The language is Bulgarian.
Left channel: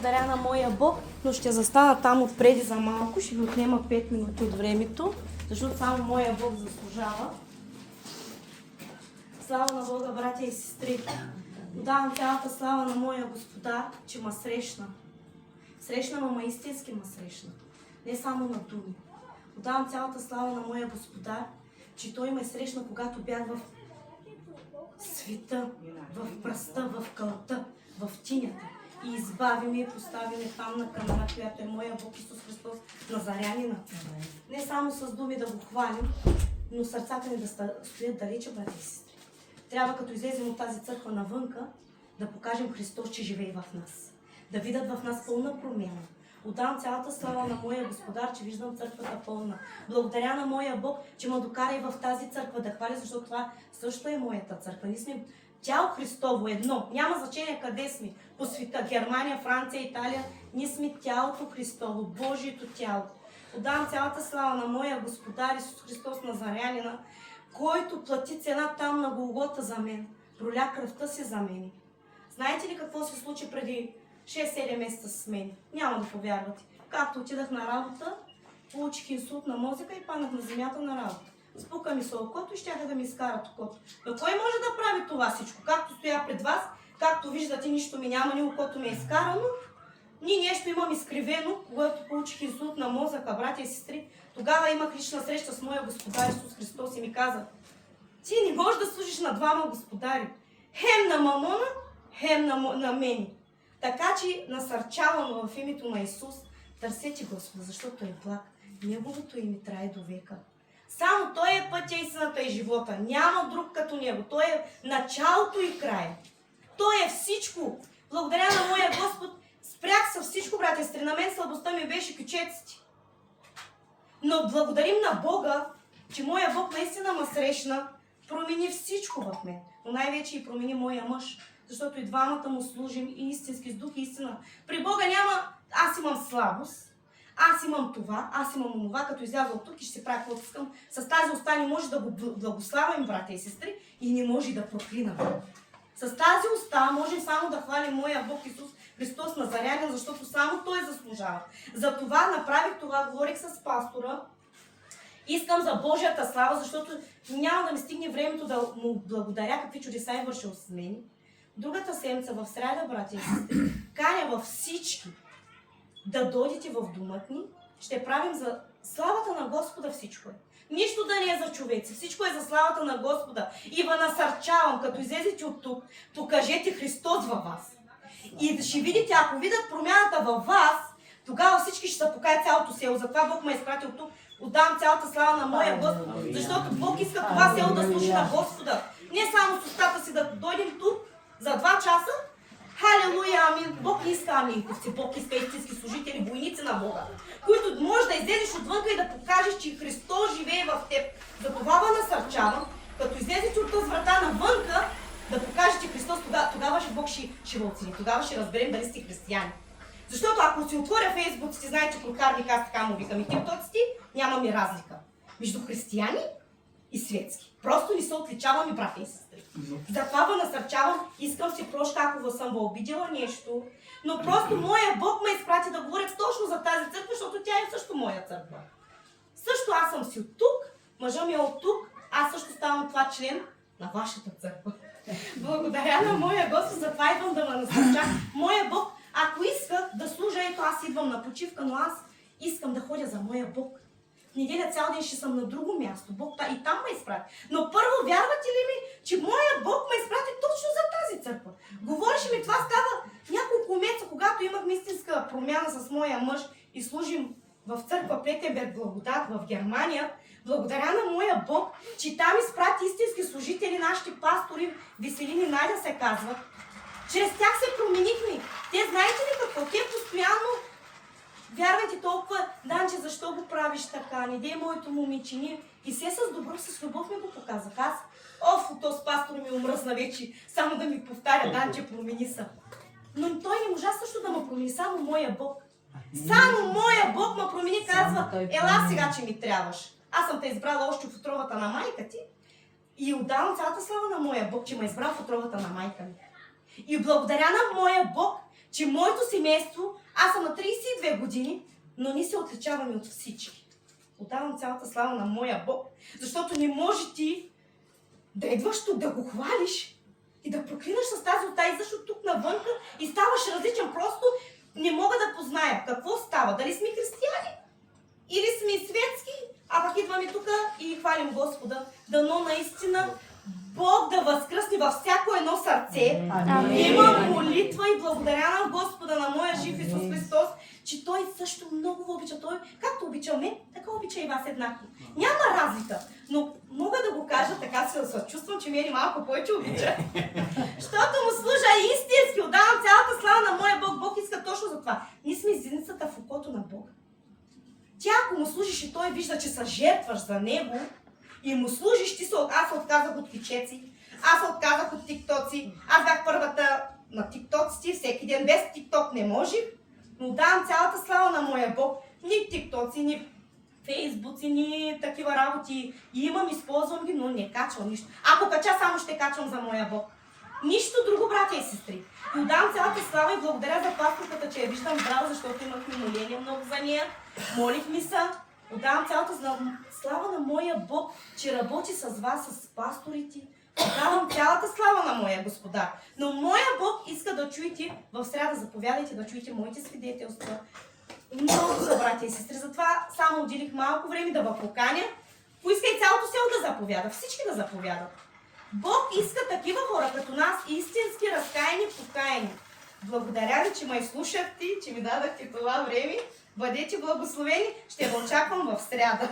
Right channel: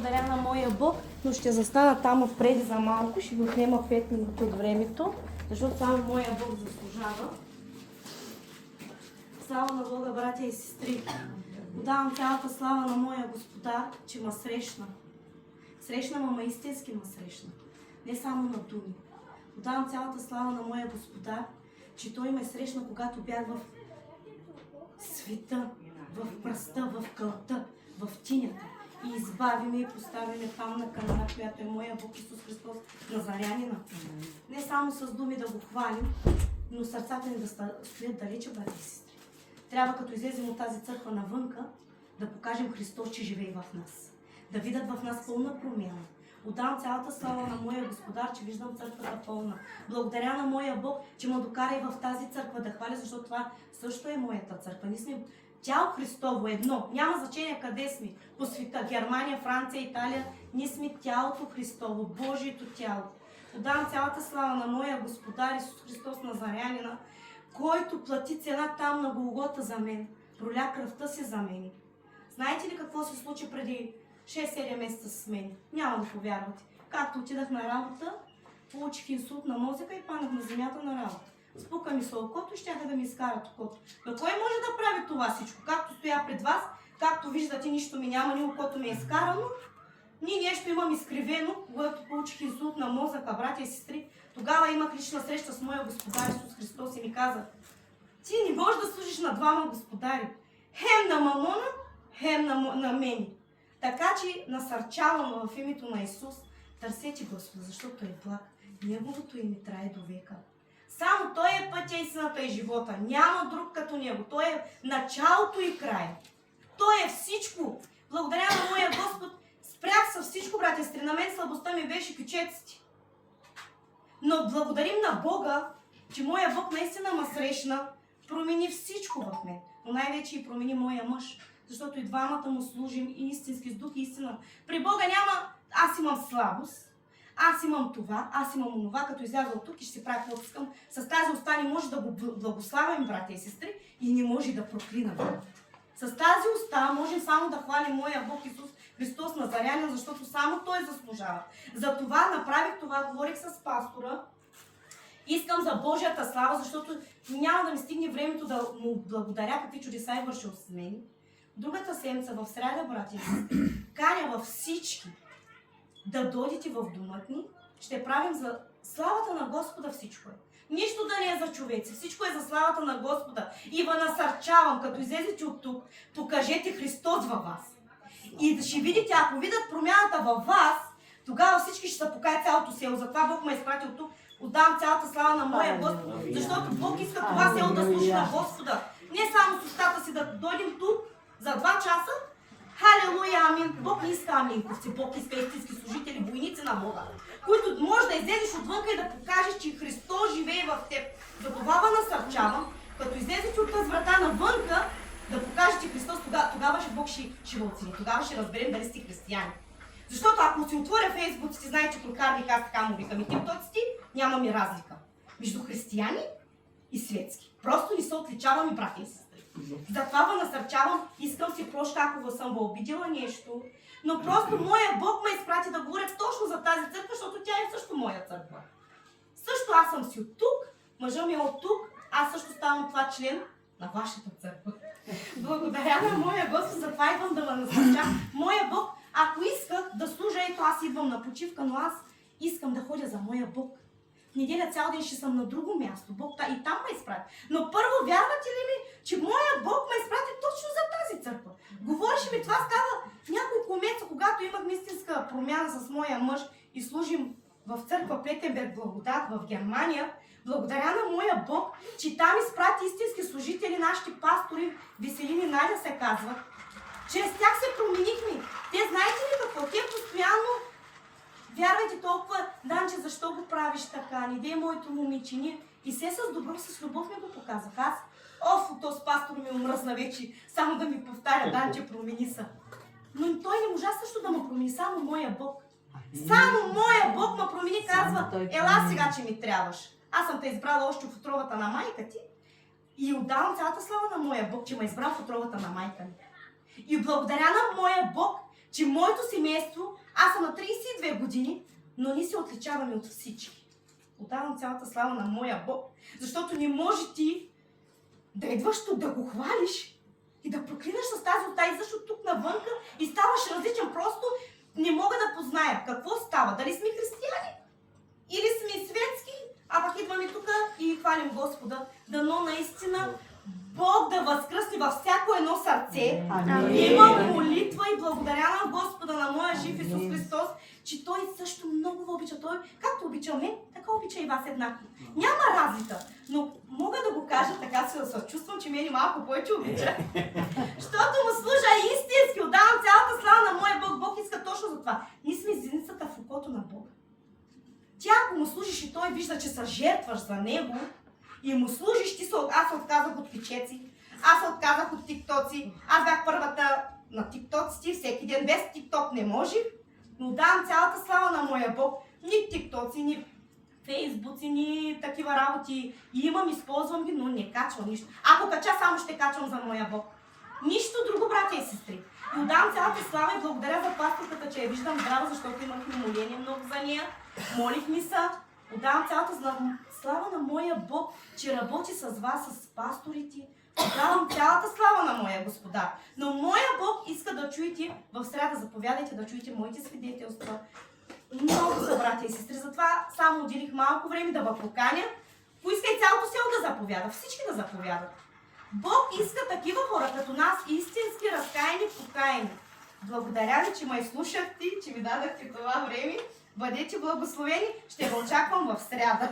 благодаря на моя Бог, но ще застана там отпреди за малко, ще ви отнема 5 минути от времето, защото само моя Бог заслужава. Слава на Бога, братя и сестри! Отдавам цялата слава на моя Господар, че ме срещна. Срещна ме, истински ме срещна. Не само на думи. Отдавам цялата слава на моя Господар, че Той ме срещна, когато бях в света, в пръста, в кълта, в тинята. И избави ме и постави ме там на камера, която е моя Бог Исус Христос, Назарянина. Не само с думи да го хвалим, но сърцата ни да стоят далече, брати и сестри. Трябва като излезем от тази църква навънка, да покажем Христос, че живее в нас. Да видят в нас пълна промяна. Отдавам цялата слава на моя Господар, че виждам църквата пълна. Благодаря на моя Бог, че ме докара и в тази църква да хваля, защото това също е моята църква. Ние сме тяло Христово едно. Няма значение къде сме. По света, Германия, Франция, Италия. Ние сме тялото Христово, Божието тяло. Отдавам цялата слава на моя Господар Исус Христос Назарянина, който плати цена там на Голгота за мен. Проля кръвта си за мен. Знаете ли какво се случи преди 6-7 месеца с мен? Няма да повярвате. Както отидах на работа, получих инсулт на мозъка и паднах на земята на работа. Спука ми се окото и щяха да ми изкарат окото. Но кой може да прави това всичко? Както стоя пред вас, както виждате, нищо ми няма, ни окото ми е изкарано, ни нещо имам изкривено, когато получих инсулт на мозъка, братя и сестри. Тогава имах лична среща с моя Господар Исус Христос и ми каза: ти не можеш да служиш на двама господари. Хем на мамона, хем на мен. Така че насърчавам в името на Исус, търсете Господа, защото е благ. Неговото име трае до века. Само Той е пътя, истината и живота. Няма друг като Него. Той е началото и края. Той е всичко. Благодаря на моя Господ, спрях с всичко, братя и сестри. На мен слабостта ми беше кючеците. Но благодарим на Бога, че моя Бог наистина ме срещна, промени всичко в мен. Но най-вече и промени моя мъж. Защото и двамата му служим и истински с дух и истина. При Бога няма аз имам слабост, аз имам това, аз имам онова, като изляза от тук и ще се правя каквото искам. С тази уста не може да го благославим, братя и сестри, и не може да проклинам. С тази уста можем само да хвалим моя Бог Исус Христос Назарянин, защото само Той заслужава. Затова направих това, говорих с пастора. Искам за Божията слава, защото няма да ми стигне времето да му благодаря какви чудеса е вършил с мен. Другата седмица в сряда, братя и сестри, каня във всички да дойдете в домът ни. Ще правим за славата на Господа всичко е. Нищо да не е за човеци, всичко е за славата на Господа. И ви насърчавам, като излезете от тук, покажете Христос във вас. И ще видите, ако видят промяната във вас, тогава всички ще се покаят цялото село. Затова Бог ме е изпратил тук. Отдавам цялата слава на моя Господ, защото Бог иска това село да служи на Господа. Не само с устата си да дойдем тук за 2 часа. Халелуя, амин. Бог не иска аминковци, Бог иска истински служители, войници на Бога, които може да излезеш отвънка и да покажеш, че Христос живее в теб. За това насърчавам, като излезете от тази врата навънка, да покажете Христос, тогава Бог ще ви оцени. Тогава ще разберем дали сте християни. Защото ако си отворя Фейсбук, си знаете, прокарник, аз така му викам и тиктоците, нямаме разлика между християни и светски. Просто не се отличаваме, братя и сестри. Затова ви насърчавам, искам си прошка, ако съм ви обидела нещо, но просто моя Бог ме изпрати да говоря точно за тази църква, защото тя е също моя църква. Също аз съм си от тук, мъжът ми е от тук, аз също ставам това член на вашата църква. Благодаря на моя Господ, затова идвам да ме насърча. Моя Бог, ако исках да служа, ето аз идвам на почивка, но аз искам да ходя за моя Бог. В неделя цял ден ще съм на друго място. Бог и там ме изпрати. Но първо, вярвате ли ми, че моя Бог ме изпрати точно за тази църква? Говореше ми, това става няколко месеца, когато имах истинска промяна с моя мъж и служим в църква Петенберг Благодат в Германия. Благодаря на моя Бог, че там изпрати истински служители, нашите пастори, Веселини Надя се казват. Чрез тях се променихме. Те знаете ли какво? Те постоянно вярвайте толкова, Данче, защо го правиш така? Не дей моето момиче. И все с добро, с любов ми го показах. Аз, този пастор ми омръзна вече, само да ми повтаря, Данче, промени се. Но той не можа също да ме промени, само моя Бог. Само моя Бог ме промени, казва, ела сега, че ми трябваш. Аз съм те избрала още в отровата на майка ти и отдавам цялата слава на моя Бог, че ме избра в отровата на майка ми. И благодаря на моя Бог, че моето семейство, аз съм на 32 години, но ние се отличаваме от всички. Отдавам цялата слава на моя Бог, защото не може ти да идваш тук, да го хвалиш и да проклинаш с тази уста, и защо тук навънка и ставаш различен. Просто не мога да позная какво става. Дали сме християни или сме светски, а пък идваме тук и хвалим Господа. Дано наистина Бог да възкръсне във всяко едно сърце. Има молитва и благодаря на Господа, на моя жив Исус Христос, че Той също много ви обича. Той, както обича мен, така обича и вас еднакво. Няма разлика, но мога да го кажа, така се чувствам, че мен малко повече обича. Защото му служа истински, отдавам цялата слава на моя Бог. Бог иска точно за това. Ние сме зеницата в окото на Бог. Ти ако му служиш и Той вижда, че се жертваш за Него, и му служиш, аз се отказах от кичеци, аз се отказах от тиктоци, аз бях първата на тиктоците, всеки ден без тикток не можех, но давам цялата слава на моя Бог. Ни тиктоци, ни фейсбуци, ни такива работи имам, използвам ги, но не качвам нищо. Ако кача, само ще качвам за моя Бог. Нищо друго, братя и сестри. И отдавам цялата слава и благодаря за пасторката, че я виждам здраво, защото имахме моление много за нея. Молихме се. Отдавам цялата слава на моя Бог, че работи с вас, с пасторите. Отдавам цялата слава на моя Господар. Но моя Бог иска да чуете, в сряда заповядайте да чуете моите свидетелства. Много са, братя и сестри. Затова само отделих малко време да ви поканя. Поискай цялото село да заповяда, всички да заповядат. Бог иска такива хора като нас, истински разкаяни, покаяни. Благодаря ви, че ме изслушахте, че ми дадахте това време. Бъдете благословени, ще ви очаквам в сряда.